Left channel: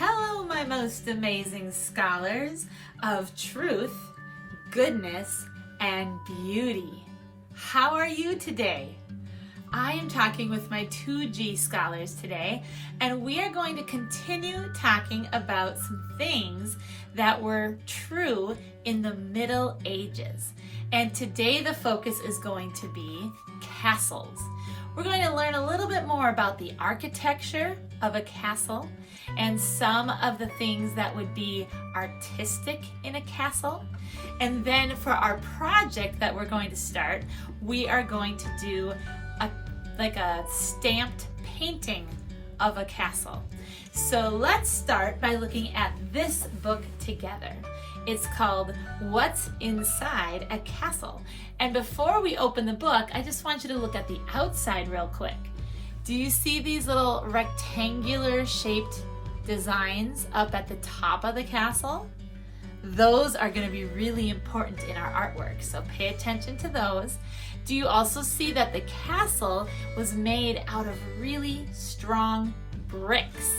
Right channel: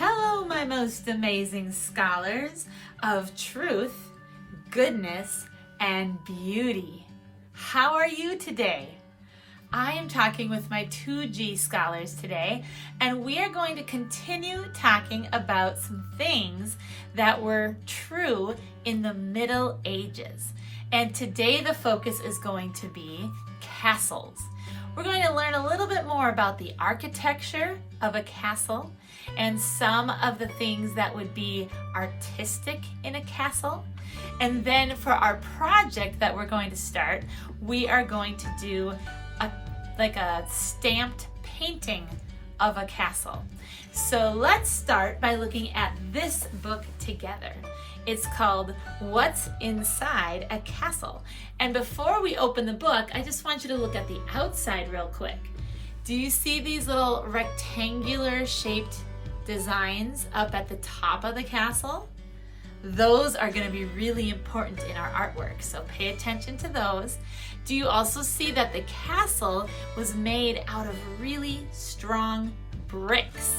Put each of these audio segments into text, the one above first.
Hello, my most amazing scholars of truth, goodness, and beauty. How are you today? I am talking with my 2G scholars today, and we are going to continue talking about some things that were true in the Middle Ages. And today the focus is going to be castles. We're going to learn a little bit more about the architecture of a castle and some of the things that would be artistic in a castle. And then for our project that we're going to start, we are going to do a stamped painting of a castle. So let's start by looking at this book together. It's called What's Inside a Castle. And before we open the book, I just want you to look at the outside real quick. Do you see these little rectangular shaped designs up at the top of the castle? Those are going to be really important in our artwork, so pay attention to those. Do you also see that the castle was made out of really strong bricks?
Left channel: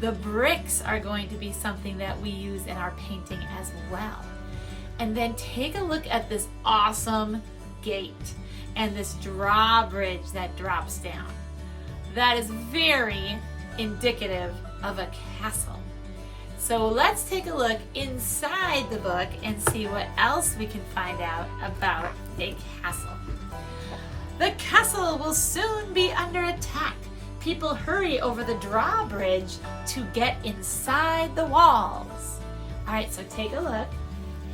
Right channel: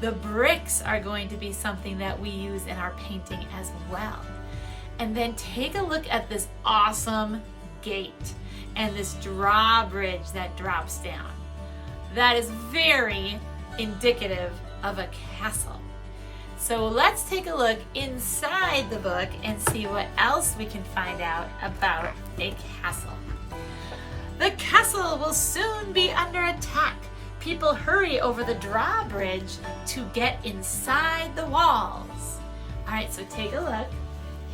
The bricks are going to be something that we use in our painting as well. And then take a look at this awesome gate and this drawbridge that drops down. That is very indicative of a castle. So let's take a look inside the book and see what else we can find out about a castle. The castle will soon be under attack. People hurry over the drawbridge to get inside the walls. All right, so take a look.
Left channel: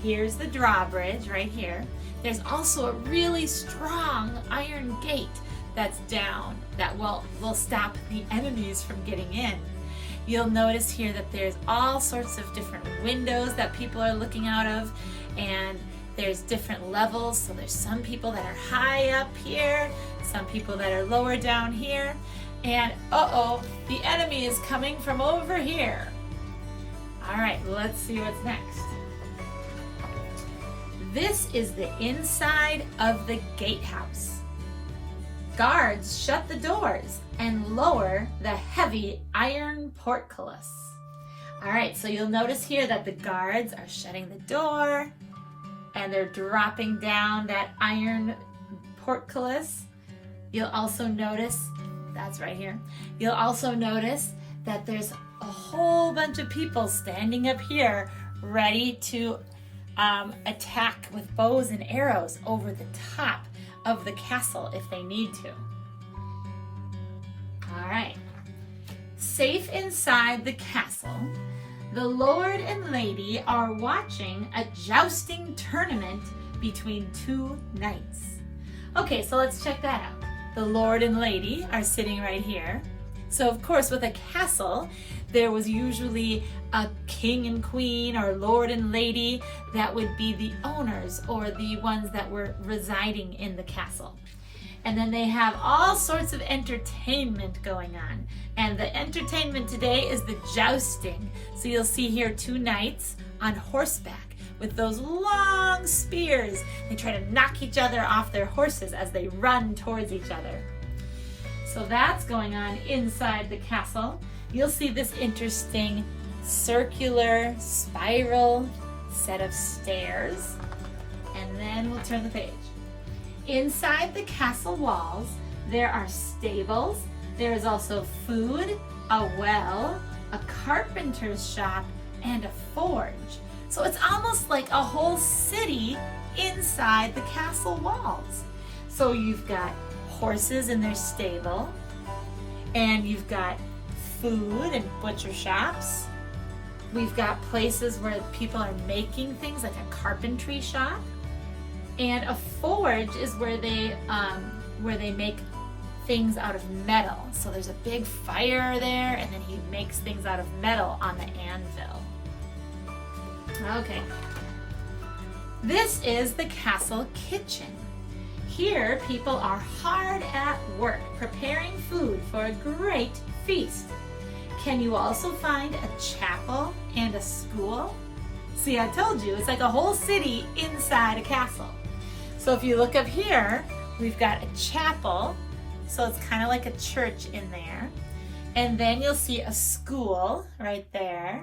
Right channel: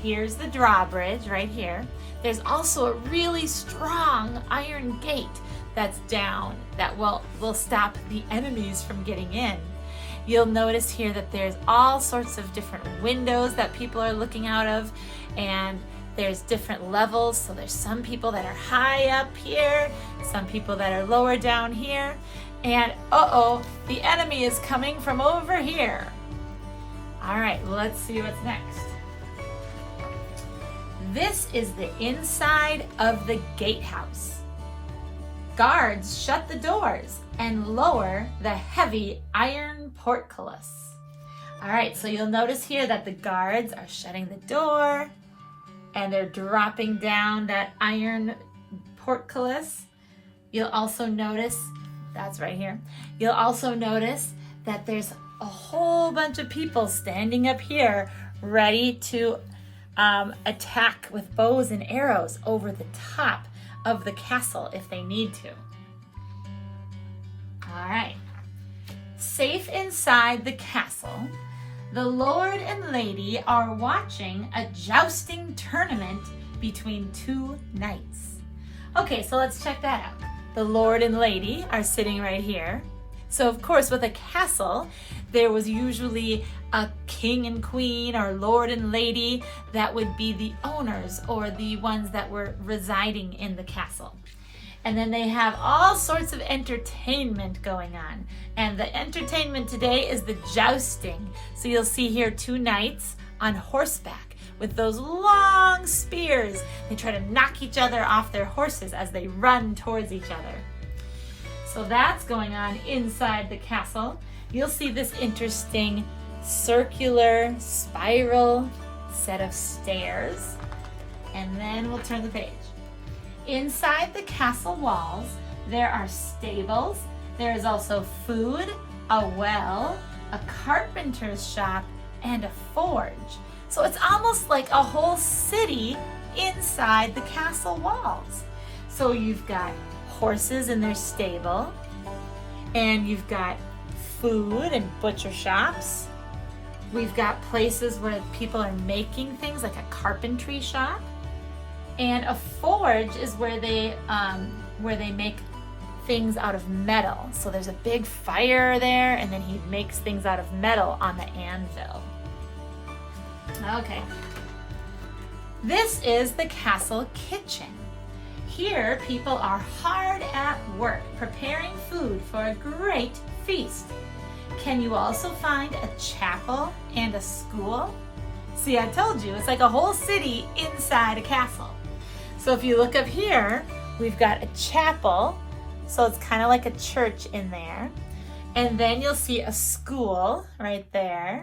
Here's the drawbridge right here. There's also a really strong iron gate that's down that will stop the enemies from getting in. You'll notice here that there's all sorts of different windows that people are looking out of, and there's different levels. So there's some people that are high up here, some people that are lower down here, and the enemy is coming from over here. All right, let's see what's next. This is the inside of the gatehouse. Guards shut the doors and lower the heavy iron portcullis. All right, so you'll notice here that the guards are shutting the door and they're dropping down that iron portcullis. You'll also notice, that's right here, you'll also notice that there's a whole bunch of people standing up here ready to attack with bows and arrows over the top of the castle if they need to. All right, safe inside the castle, the Lord and Lady are watching a jousting tournament between two knights. Okay, so let's check that out. The Lord and Lady are sitting right here. So of course with a castle, there was usually a king and queen or lord and lady that would be the owners or the ones that were residing in the castle. And then they have all sorts of entertainment going on. And the entertainment today is the jousting. So you'll see here two knights on horseback with those long spears. They try to knock each other off their horses as they run towards each other. So that's going on inside the castle. You'll see this interesting circular spiral set of stairs. And then we'll turn the page. Inside the castle walls, there are stables. There's also food, a well, a carpenter's shop, and a forge. So it's almost like a whole city inside the castle walls. So you've got horses in their stable, and you've got food and butcher shops. We've got places where people are making things like a carpentry shop. And a forge is where they make things out of metal. So there's a big fire there, and then he makes things out of metal on the anvil. Okay. This is the castle kitchen. Here, people are hard at work preparing food for a great feast. Can you also find a chapel and a school? See, I told you, it's like a whole city inside a castle. So if you look up here, we've got a chapel. So it's kind of like a church in there. And then you'll see a school right there.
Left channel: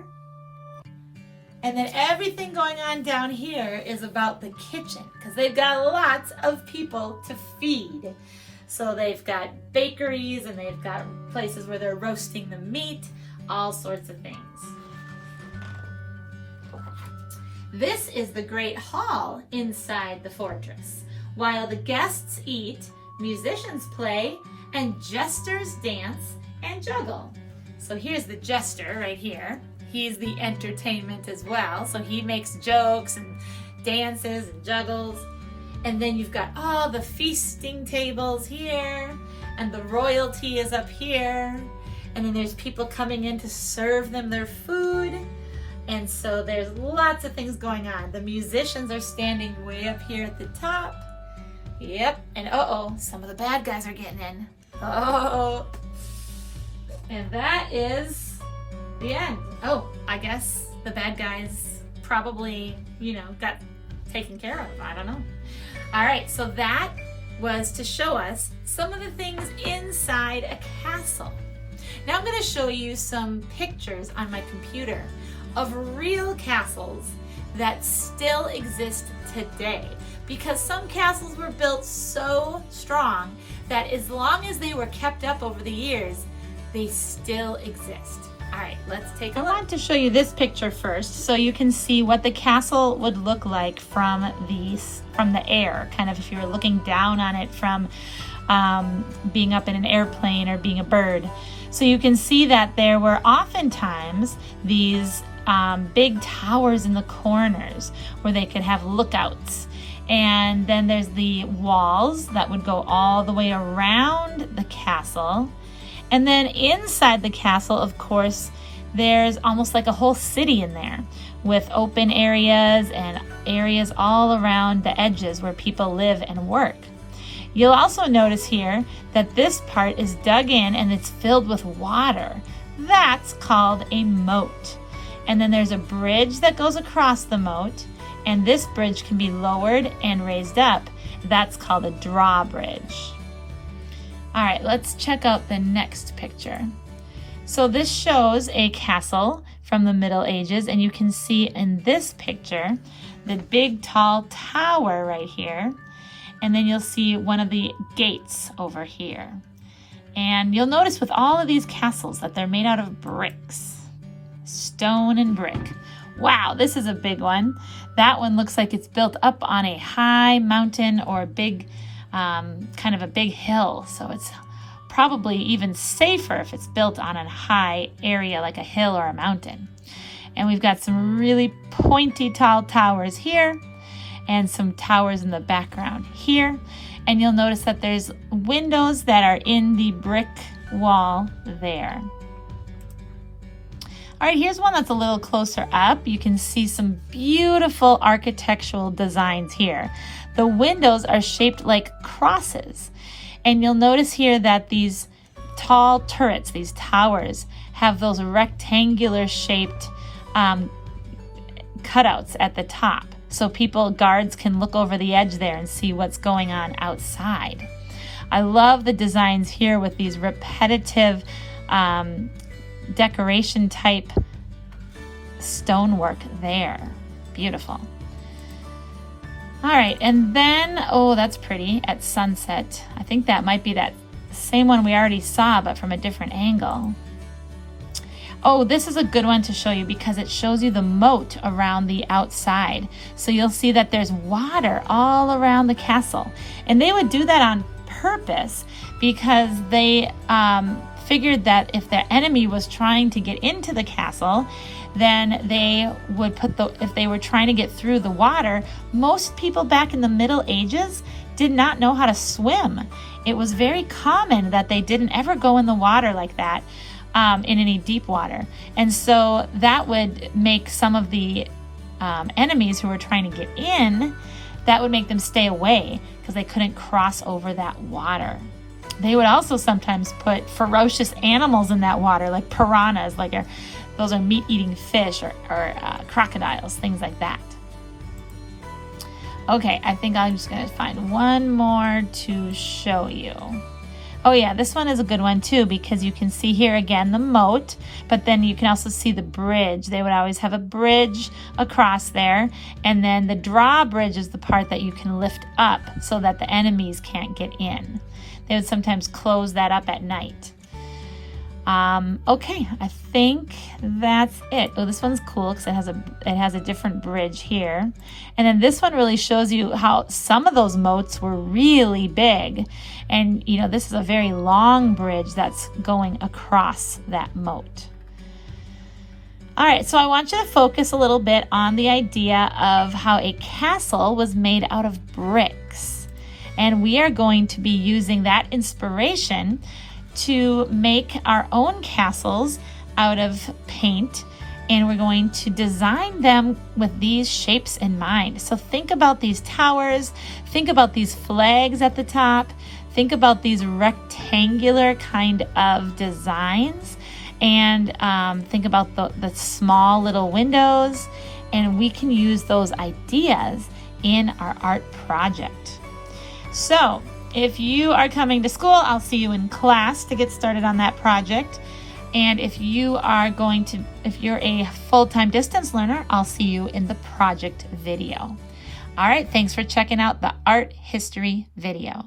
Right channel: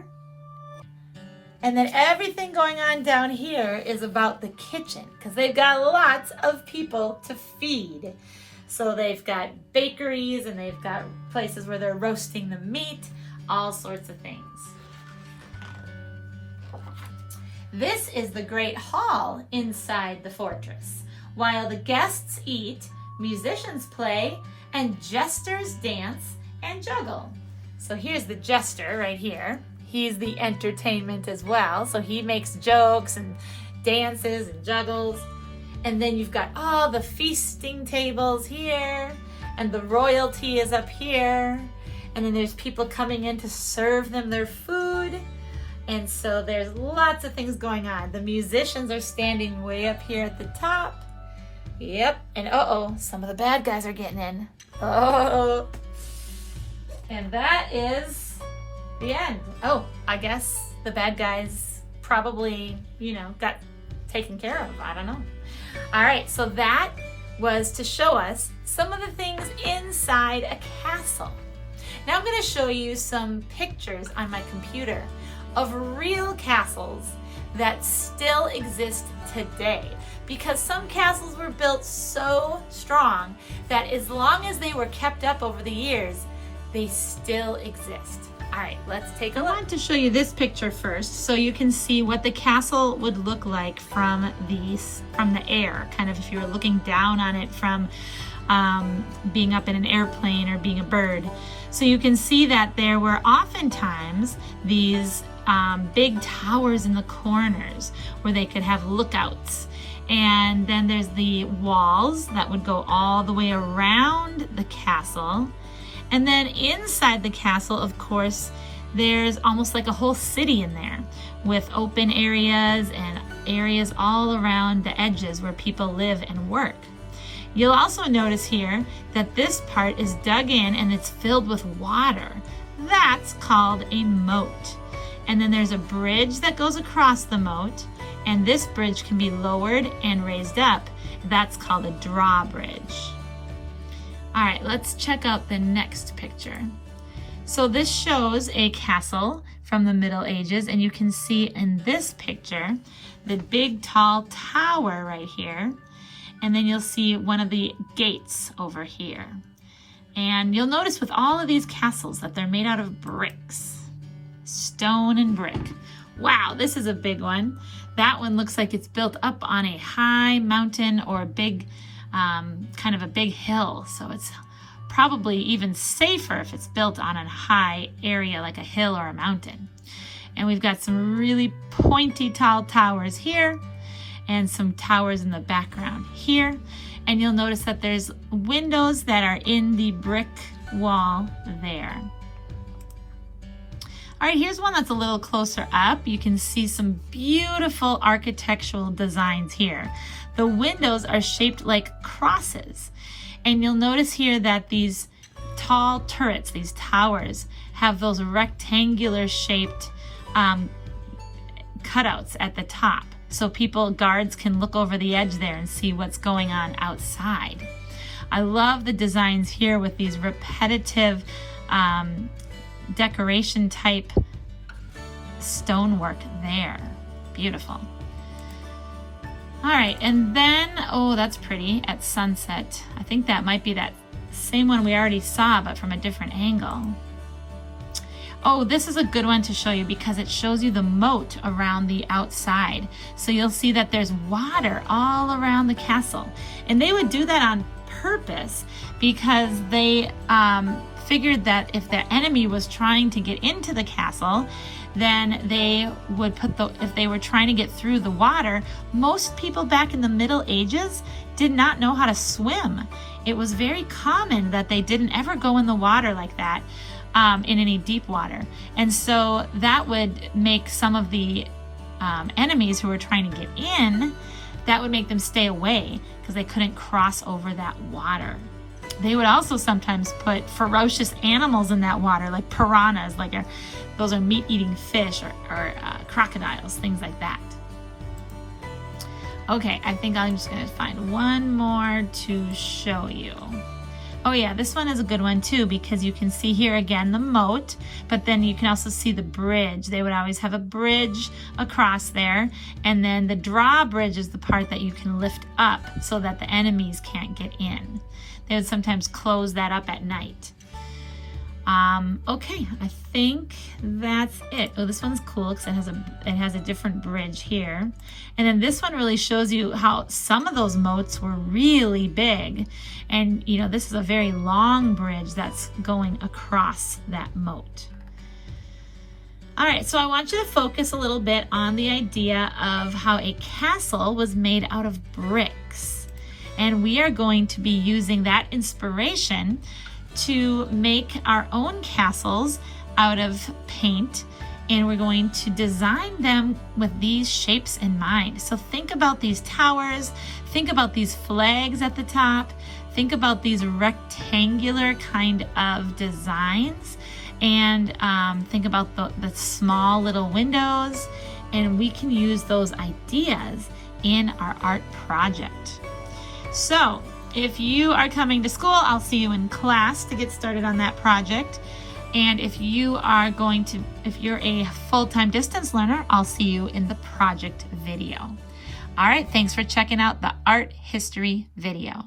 And then everything going on down here is about the kitchen because they've got lots of people to feed. So they've got bakeries and they've got places where they're roasting the meat, all sorts of things. This is the great hall inside the fortress. While the guests eat, musicians play, and jesters dance and juggle. So here's the jester right here. He's the entertainment as well. So he makes jokes and dances and juggles. And then you've got all the feasting tables here, and the royalty is up here. And then there's people coming in to serve them their food. And so there's lots of things going on. The musicians are standing way up here at the top. Yep, and uh-oh, some of the bad guys are getting in. Oh, and that is the end. Oh, I guess the bad guys probably, got taken care of. I don't know. All right, so that was to show us some of the things inside a castle. Now I'm going to show you some pictures on my computer of real castles that still exist today, because some castles were built so strong that as long as they were kept up over the years, they still exist. All right, let's take a look. I want to show you this picture first so you can see what the castle would look like from the air, kind of if you were looking down on it from being up in an airplane or being a bird. So you can see that there were oftentimes these big towers in the corners where they could have lookouts. And then there's the walls that would go all the way around the castle. And then inside the castle, of course, there's almost like a whole city in there with open areas and areas all around the edges where people live and work. You'll also notice here that this part is dug in and it's filled with water. That's called a moat. And then there's a bridge that goes across the moat, and this bridge can be lowered and raised up. That's called a drawbridge. All right, let's check out the next picture. So this shows a castle from the Middle Ages, and you can see in this picture the big tall tower right here, and then you'll see one of the gates over here. And you'll notice with all of these castles that they're made out of bricks, stone and brick. Wow, this is a big one. That one looks like it's built up on a high mountain or a big, kind of a big hill. So it's probably even safer if it's built on a high area like a hill or a mountain. And we've got some really pointy tall towers here and some towers in the background here. And you'll notice that there's windows that are in the brick wall there. All right, here's one that's a little closer up. You can see some beautiful architectural designs here. The windows are shaped like crosses. And you'll notice here that these tall turrets, these towers, have those rectangular shaped cutouts at the top. So guards can look over the edge there and see what's going on outside. I love the designs here with these repetitive decoration type stonework there. Beautiful. All right, and then, oh, that's pretty, at sunset. I think that might be that same one we already saw, but from a different angle. Oh, this is a good one to show you because it shows you the moat around the outside. So you'll see that there's water all around the castle. And they would do that on purpose because they figured that if their enemy was trying to get into the castle, then they would if they were trying to get through the water, most people back in the Middle Ages did not know how to swim. It was very common that they didn't ever go in the water like that, in any deep water. And so that would make some of the enemies who were trying to get in, that would make them stay away because they couldn't cross over that water. They would also sometimes put ferocious animals in that water, like piranhas, those are meat-eating fish, or crocodiles, things like that. Okay, I think I'm just going to find one more to show you. Oh yeah, this one is a good one too, because you can see here again the moat, but then you can also see the bridge. They would always have a bridge across there, and then the drawbridge is the part that you can lift up so that the enemies can't get in. They would sometimes close that up at night. Okay, I think that's it. Oh, this one's cool because it has a different bridge here. And then this one really shows you how some of those moats were really big. And you know, this is a very long bridge that's going across that moat. All right, so I want you to focus a little bit on the idea of how a castle was made out of bricks. And we are going to be using that inspiration to make our own castles out of paint, and we're going to design them with these shapes in mind. So think about these towers, think about these flags at the top, think about these rectangular kind of designs, and think about the small little windows, and we can use those ideas in our art project. So if you are coming to school, I'll see you in class to get started on that project. And if you're a full-time distance learner, I'll see you in the project video. All right, thanks for checking out the art history video.